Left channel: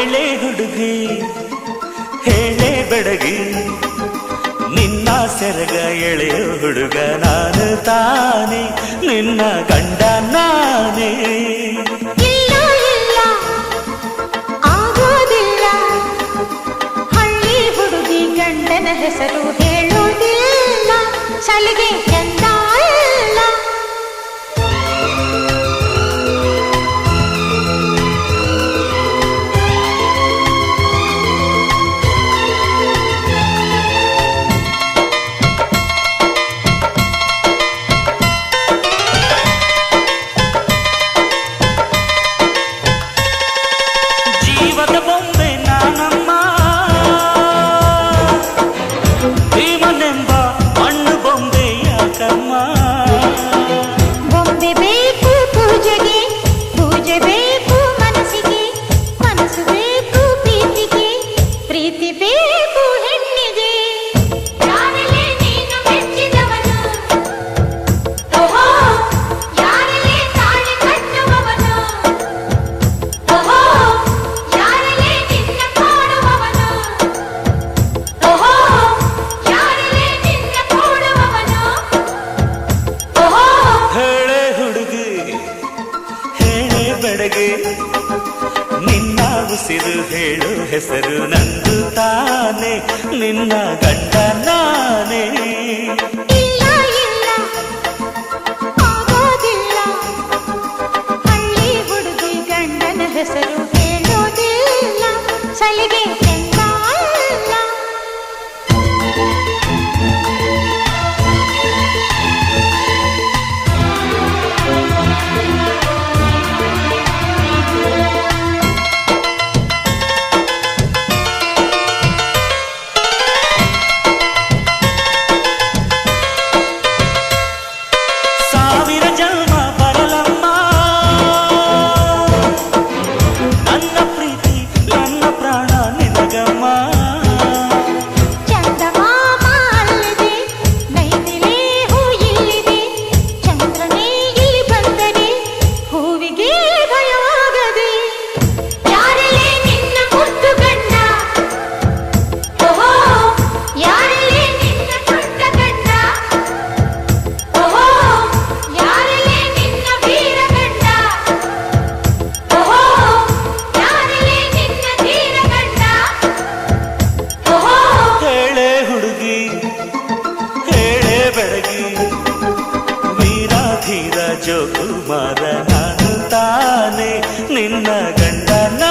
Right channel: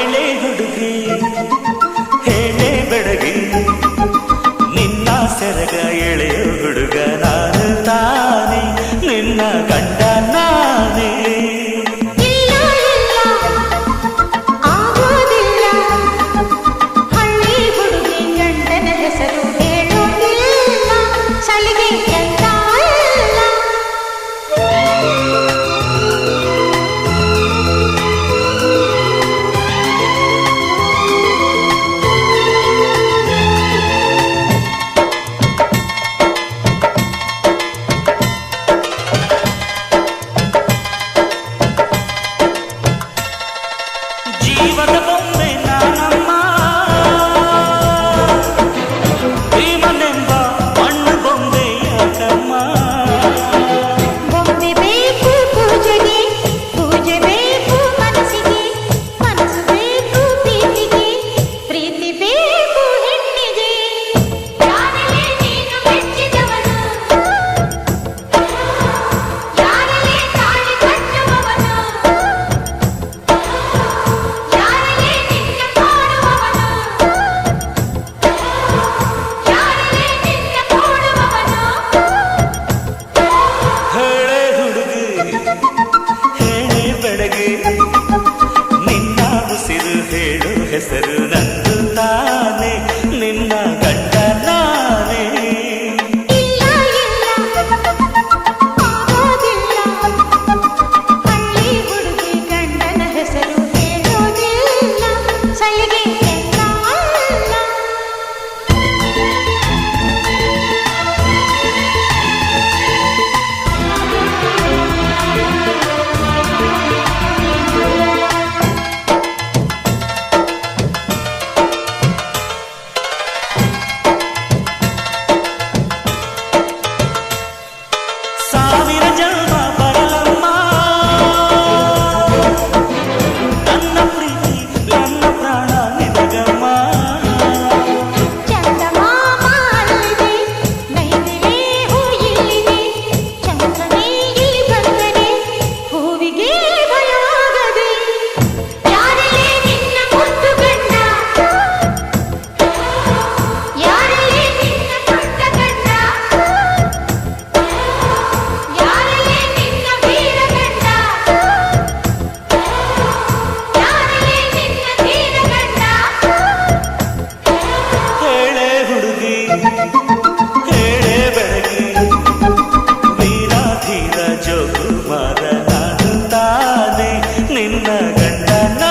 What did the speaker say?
ಹೇಳೆ ಹುಡುಗಿ, ಹೇಳೆ ಬೆಡಗಿ. ನಿನ್ನ ಸೆರಗ ಎಳೆಯ ಹುಡುಗ ನಾನು ತಾನೆ, ನಿನ್ನ ಗಂಡ ನಾನೇ. ಹೆಸರು ಹೇಳೋದಿಲ್ಲ. ಚಳಿಗೆ ಚಂದ 美。ಹೇಳೆ ಬೆಡಗೆ ನಿನ್ನ ಉಸಿರು ಹೇಳು ಹೆಸರು ನಂದು ತಾನೆ ನಿನ್ನ ಗಂಡ ನಾನೇ. ಹೆಸರು ಹೇಳೋದಿಲ್ಲ. ಸಲಿಗೆ ಬೆಳಗಿ ಹೇಳೇ ಬೆಳಗಿ ವೀರ ಧೀರ ಜೋಗುಮಾರ ನಾನು ತಾನೆ ನಿನ್ನ ಗಂಡನ